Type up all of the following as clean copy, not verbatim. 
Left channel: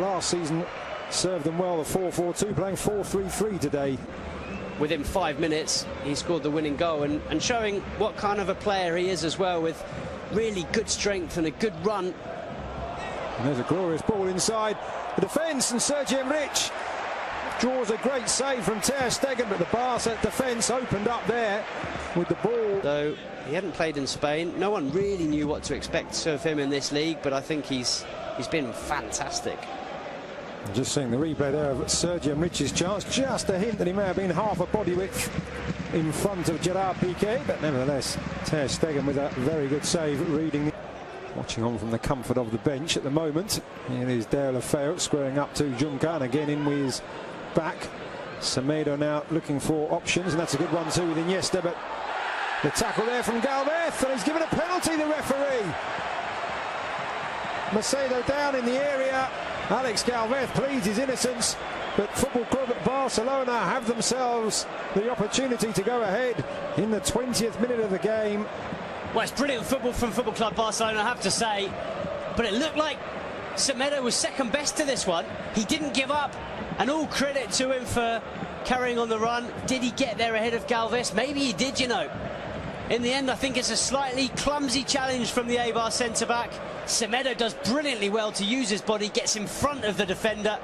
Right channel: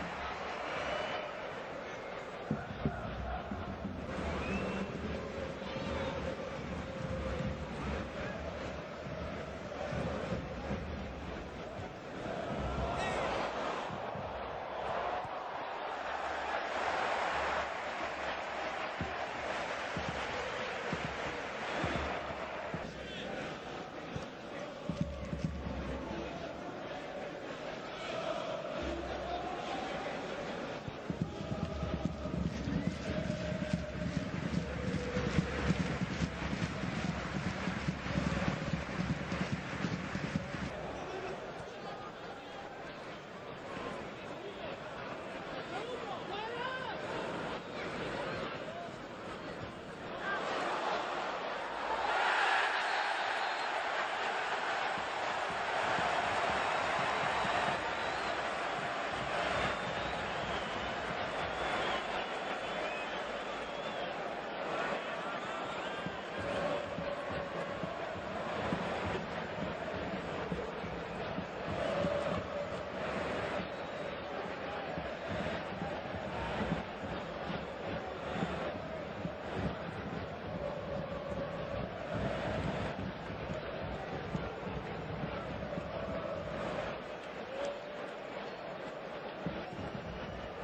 last season served them well, the 4-4-2, playing 4-3-3 today. Within 5 minutes, he scored the winning goal and showing what kind of a player he is as well, with really good strength and a good run. And there's a glorious ball inside the defence, and Sergio Rich draws a great save from Ter Stegen, but the Barca defence opened up there with the ball. Though he hadn't played in Spain, no one really knew what to expect of him in this league, but I think he's been fantastic. Just seeing the replay there of Sergio Rich's chance, just a hint that he may have been half a body width in front of Gerard Piqué, but nevertheless Ter Stegen with a very good save, reading. Watching on from the comfort of the bench at the moment. Here is De La Feu squaring up to Juncan, again in with his back. Semedo now looking for options, and that's a good one too with Iniesta, but the tackle there from Galvez, and he's given a penalty, the referee. Macedo down in the area. Alex Galvez pleads his innocence, but Football Club Barcelona have themselves the opportunity to go ahead in the 20th minute of the game. Well, it's brilliant football from Football Club Barcelona, I have to say, but it looked like Semedo was second best to this one. He didn't give up, and all credit to him for carrying on the run. Did he get there ahead of Galvez? Maybe he did, you know. In the end, I think it's a slightly clumsy challenge from the Eibar centre-back. Semedo does brilliantly well to use his body, gets in front of the defender,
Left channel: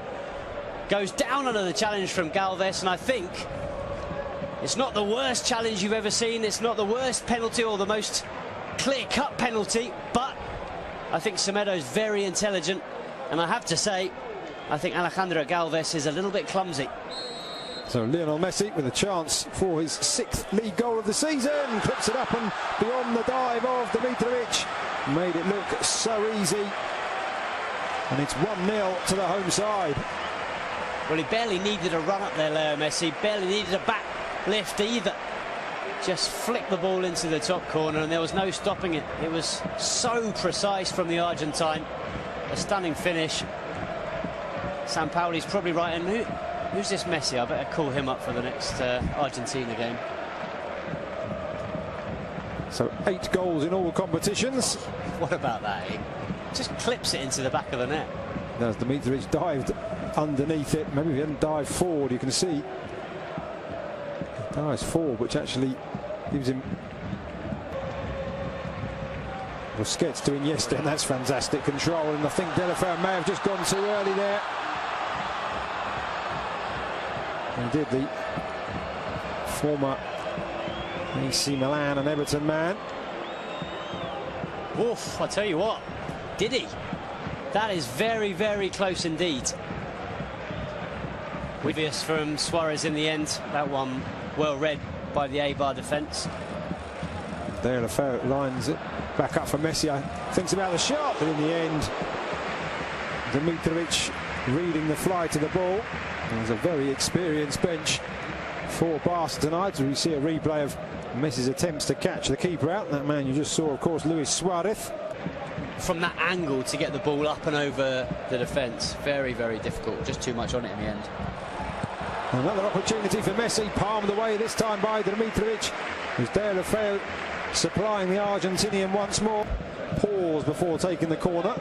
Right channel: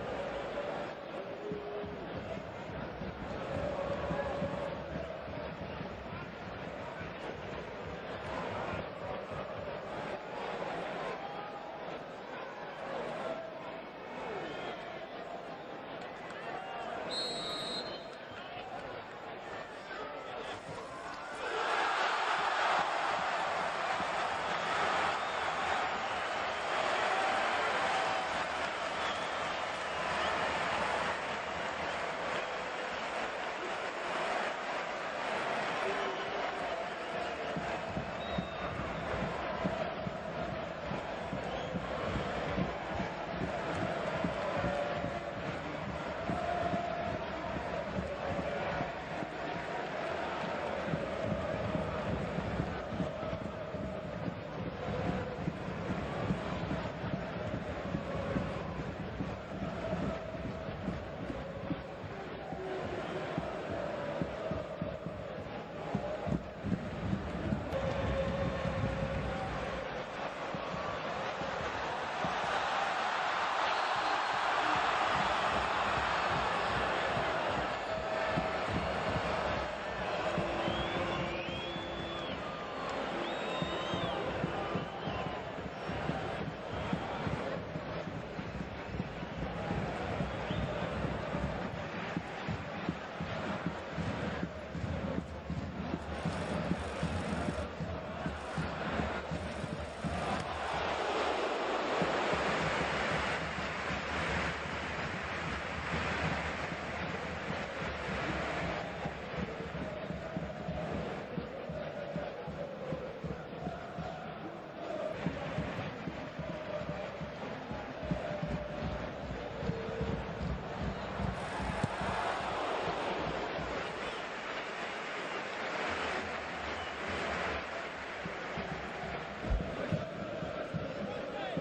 goes down under the challenge from Galvez, and I think it's not the worst challenge you've ever seen. It's not the worst penalty or the most clear-cut penalty, but I think Semedo's very intelligent, and I have to say, I think Alejandro Galvez is a little bit clumsy. So Lionel Messi with a chance for his 6th league goal of the season, clips it up and beyond the dive of Dimitrovic. Made it look so easy, and it's 1-0 to the home side. Well, he barely needed a run up there, Leo Messi, barely needed a back lift either. Just flicked the ball into the top corner, and there was no stopping it. It was so precise from the Argentine. A stunning finish. Sampaoli's probably right, and who's this Messi? I better call him up for the next Argentina game. So 8 goals in all competitions. What about that? He just clips it into the back of the net. As Dimitrovic dived underneath it, maybe if he hadn't dived forward, you can see he dives forward, which actually gives him Busquets to Iniesta, and that's fantastic control, and I think De La Feu may have just gone too early there. He did, the former AC Milan and Everton man. Oof, I tell you what, did he? That is very, very close indeed. Obvious from Suarez in the end. That one well read by the Eibar defence. De La Feu lines it back up for Messi. Thinks about the shot, but in the end, Dimitrovic reading the flight of the ball. There's a very experienced bench for Barca tonight. We see a replay of Messi's attempts to catch the keeper out. That man you just saw, of course, Luis Suarez. From that angle to get the ball up and over the defence, very, very difficult. Just too much on it in the end. Another opportunity for Messi, palmed away this time by Dimitrovic. As De La Feu supplying the Argentinian once more. Pause before taking the corner.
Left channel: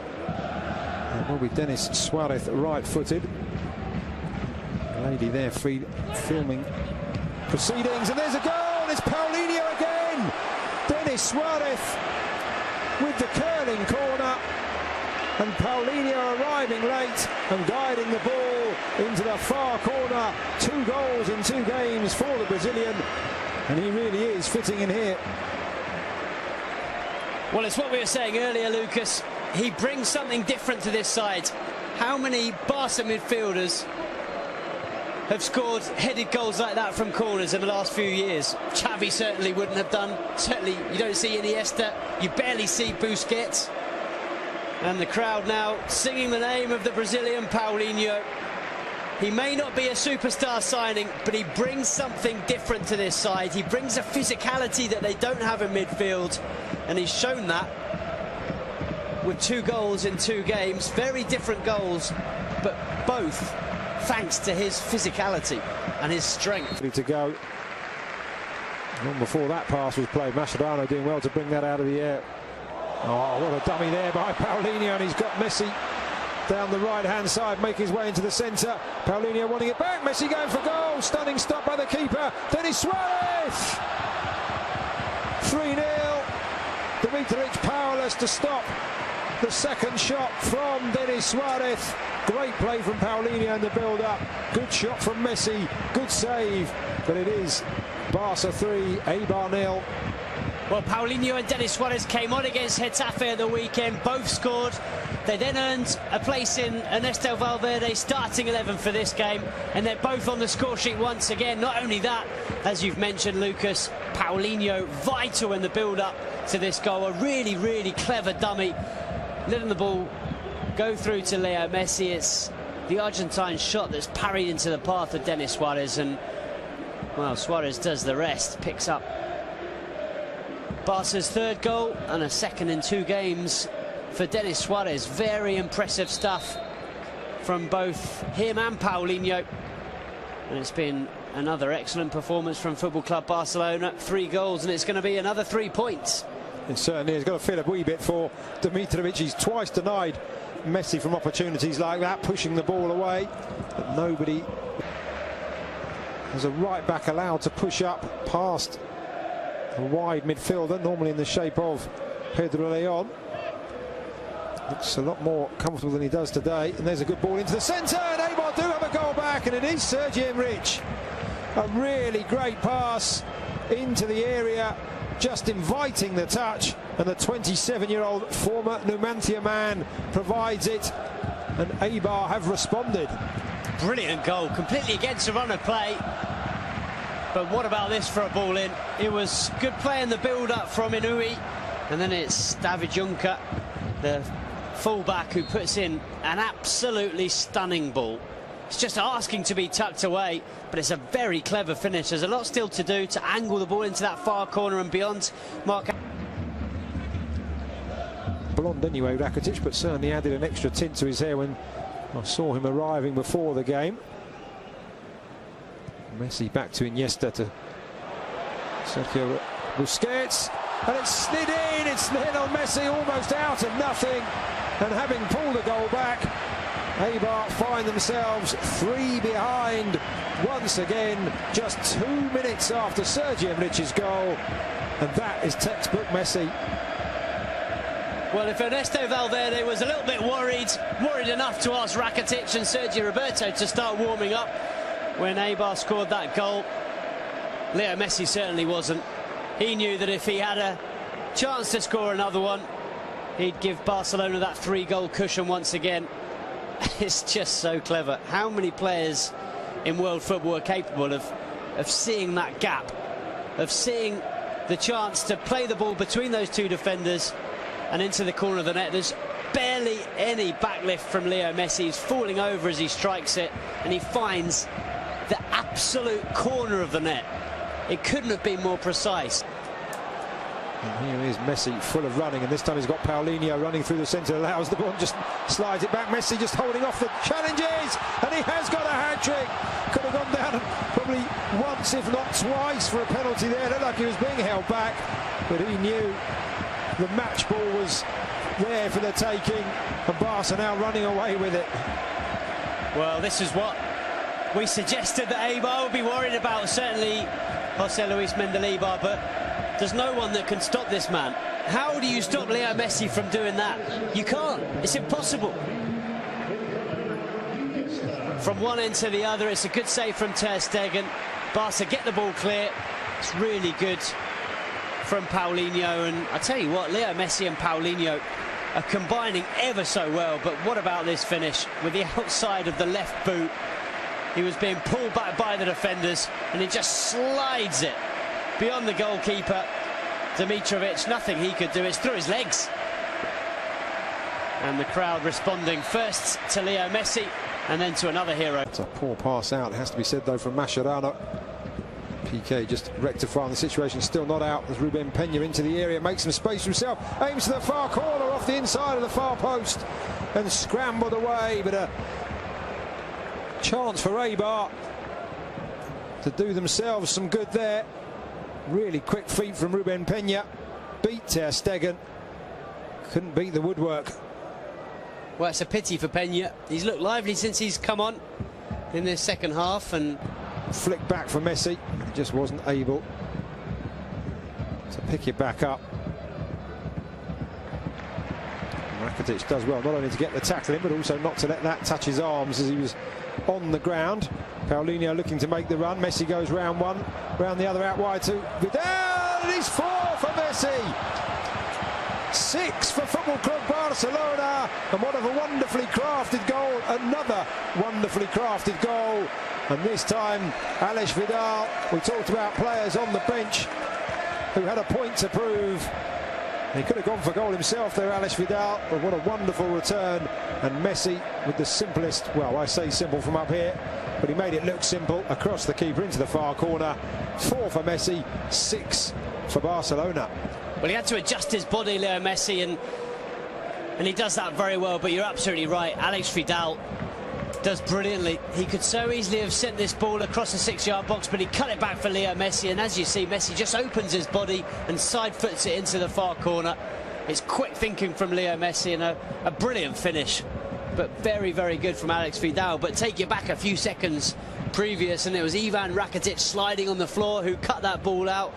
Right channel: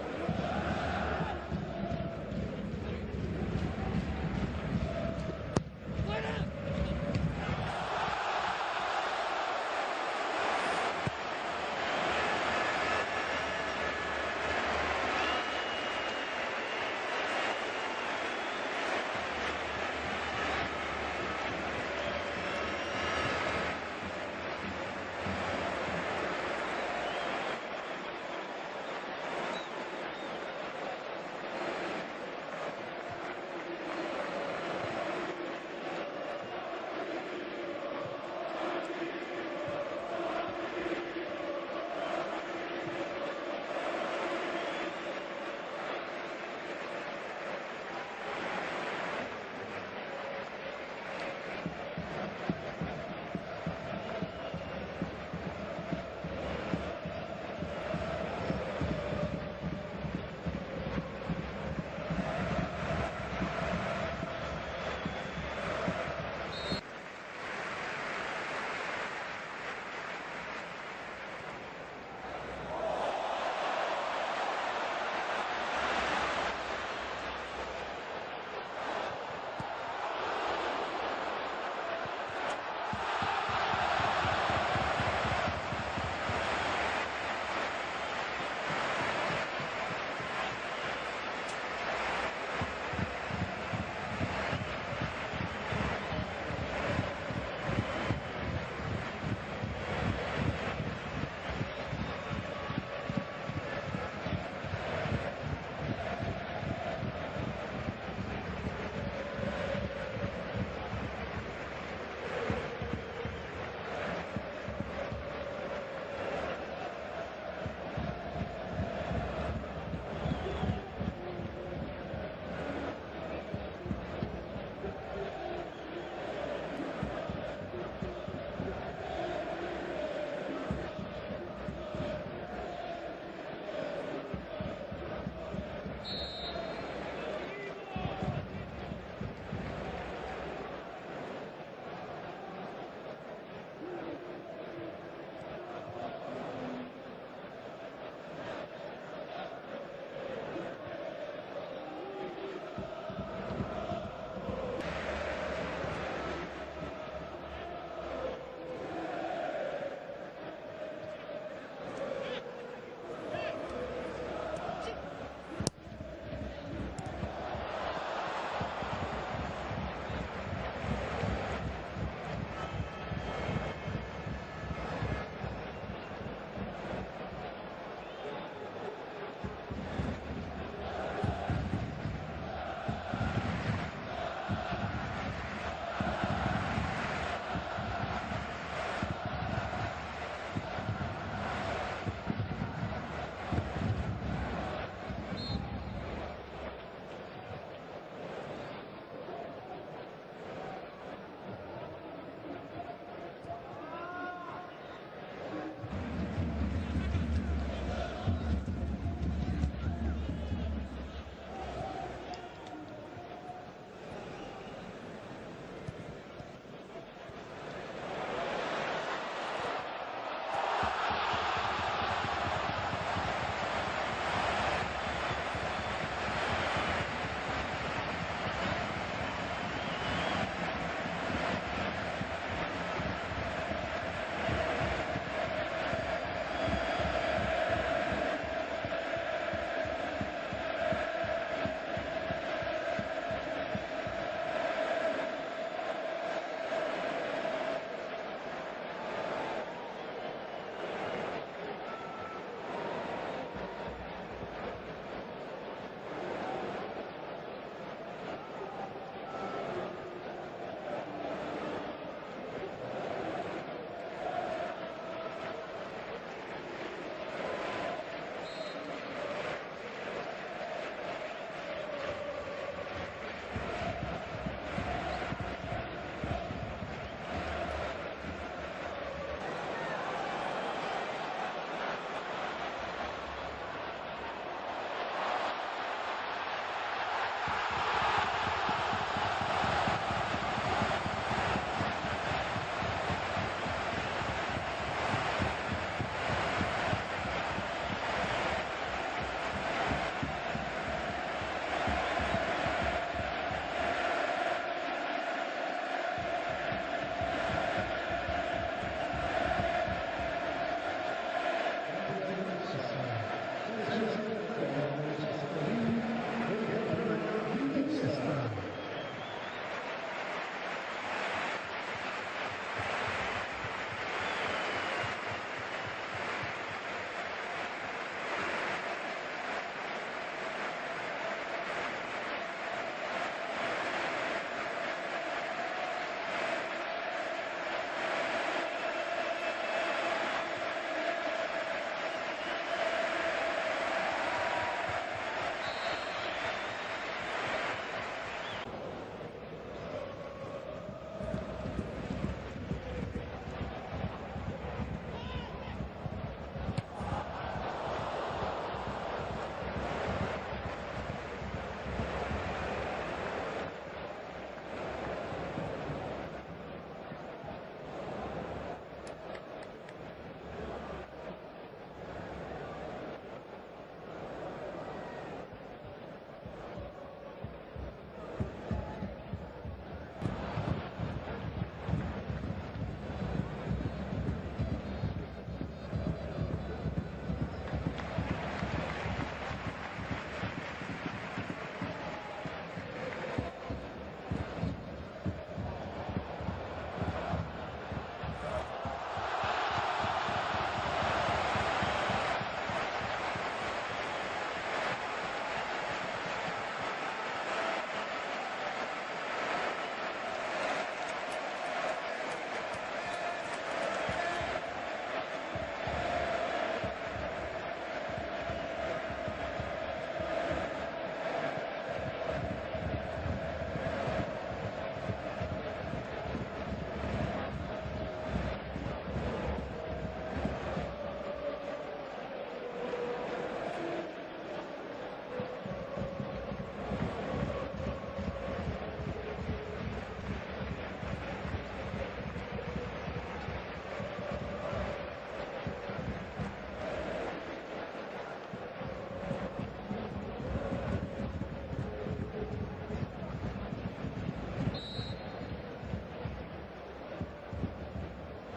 It will be Denis Suarez, right-footed. Lady there filming proceedings, and there's a goal. It's Paulinho again. Denis Suarez with the curling corner, and Paulinho arriving late and guiding the ball into the far corner. 2 goals in 2 games for the Brazilian, and he really is fitting in here. Well, it's what we were saying earlier, Lucas. He brings something different to this side. How many Barca midfielders have scored headed goals like that from corners in the last few years? Xavi certainly wouldn't have done. Certainly you don't see Iniesta. You barely see Busquets. And the crowd now singing the name of the Brazilian Paulinho. He may not be a superstar signing, but he brings something different to this side. He brings a physicality that they don't have in midfield, and he's shown that with 2 goals in 2 games. Very different goals, but both thanks to his physicality and his strength. Ready to go. Long before that pass was played, Mascherano doing well to bring that out of the air. Oh, what a dummy there by Paulinho, and he's got Messi down the right-hand side, making his way into the centre. Paulinho wanting it back. Messi going for goal. Stunning stop by the keeper. Denis Suarez. 3-0. Dimitrovic powerless to stop the second shot from Denis Suarez. Great play from Paulinho in the build-up. Good shot from Messi. Good save. But it is Barca 3, Eibar 0. Well, Paulinho and Denis Suarez came on against Getafe at the weekend. Both scored. They then earned a place in Ernesto Valverde's starting 11 for this game. And they're both on the score sheet once again. Not only that, as you've mentioned, Lucas, Paulinho vital in the build-up to this goal. A really, really clever dummy. Letting the ball go through to Leo Messi. It's the Argentine shot that's parried into the path of Denis Suarez. And, well, Suarez does the rest. Picks up Barca's third goal and a second in 2 games for Denis Suarez. Very impressive stuff from both him and Paulinho. And it's been another excellent performance from Football Club Barcelona. 3 goals, and it's going to be another 3 points. And certainly he's got to feel a wee bit for Dimitrovic. He's twice denied Messi from opportunities like that, pushing the ball away. But nobody. There's a right back allowed to push up past a wide midfielder, normally in the shape of Pedro Leon. Looks a lot more comfortable than he does today. And there's a good ball into the centre, and Eibar do have a goal back, and it is Sergi Enrich. A really great pass into the area, just inviting the touch, and the 27-year-old former Numancia man provides it, and Eibar have responded. Brilliant goal, completely against the run of play. But what about this for a ball in? It was good play in the build-up from Inui, and then it's David Juncker, the fullback, who puts in an absolutely stunning ball. It's just asking to be tucked away, but it's a very clever finish. There's a lot still to do to angle the ball into that far corner and beyond. Mark. Blonde anyway, Rakitic, but certainly added an extra tint to his hair when I saw him arriving before the game. Messi back to Iniesta, to Sergio Busquets, and it's slid in. It's Lionel Messi almost out of nothing, and having pulled a goal back, Eibar find themselves 3 behind once again, just 2 minutes after Sergi Enrich's goal, and that is textbook Messi. Well, if Ernesto Valverde was a little bit worried enough to ask Rakitic and Sergio Roberto to start warming up when Eibar scored that goal, Leo Messi certainly wasn't. He knew that if he had a chance to score another one, he'd give Barcelona that 3-goal cushion once again. It's just so clever. How many players in world football are capable of seeing that gap, of seeing the chance to play the ball between those 2 defenders and into the corner of the net? There's barely any backlift from Leo Messi. He's falling over as he strikes it, and he finds the absolute corner of the net. It couldn't have been more precise. And here is Messi, full of running, and this time he's got Paulinho running through the centre, allows the ball and just slides it back. Messi just holding off the challenges, and he has got a hat-trick. Could have gone down probably once, if not twice, for a penalty there. Looked like he was being held back, but he knew the match ball was there for the taking, and Barca now running away with it. Well, this is what we suggested that Eibar would be worried about, certainly Jose Luis Mendilibar, but there's no one that can stop this man. How do you stop Leo Messi from doing that? You can't. It's impossible. From one end to the other, it's a good save from Ter Stegen. Barca get the ball clear. It's really good from Paulinho, and I tell you what, Leo Messi and Paulinho are combining ever so well. But what about this finish with the outside of the left boot? He was being pulled back by the defenders, and he just slides it beyond the goalkeeper, Dimitrovic. Nothing he could do. It's through his legs. And the crowd responding first to Leo Messi and then to another hero. It's a poor pass out, it has to be said, though, from Mascherano. Piqué just rectifying the situation, still not out. As Ruben Peña into the area, makes some space for himself, aims to the far corner off the inside of the far post and scrambled away. But a chance for Eibar to do themselves some good there. Really quick feet from Ruben Peña. Beat Ter Stegen. Couldn't beat the woodwork. Well, it's a pity for Peña. He's looked lively since he's come on in this second half, and flick back for Messi. He just wasn't able to pick it back up. Rakitic does well not only to get the tackle in, but also not to let that touch his arms as he was on the ground. Paulinho looking to make the run. Messi goes round one, round the other, out wide to Vidal. It is 4 for Messi. 6 for Football Club Barcelona, and what a wonderfully crafted goal. Another wonderfully crafted goal, and this time Alex Vidal. We talked about players on the bench who had a point to prove. He could have gone for goal himself there, Alex Vidal, but what a wonderful return. And Messi with the simplest, well, I say simple from up here, but he made it look simple across the keeper into the far corner. 4 for Messi, 6 for Barcelona. Well, he had to adjust his body, Leo Messi, and he does that very well. But you're absolutely right. Alex Vidal does brilliantly. He could so easily have sent this ball across the 6-yard box, but he cut it back for Leo Messi. And as you see, Messi just opens his body and side foots it into the far corner. It's quick thinking from Leo Messi, and a brilliant finish. But very, very good from Alex Vidal. But take you back a few seconds previous, and it was Ivan Rakitic sliding on the floor who cut that ball out.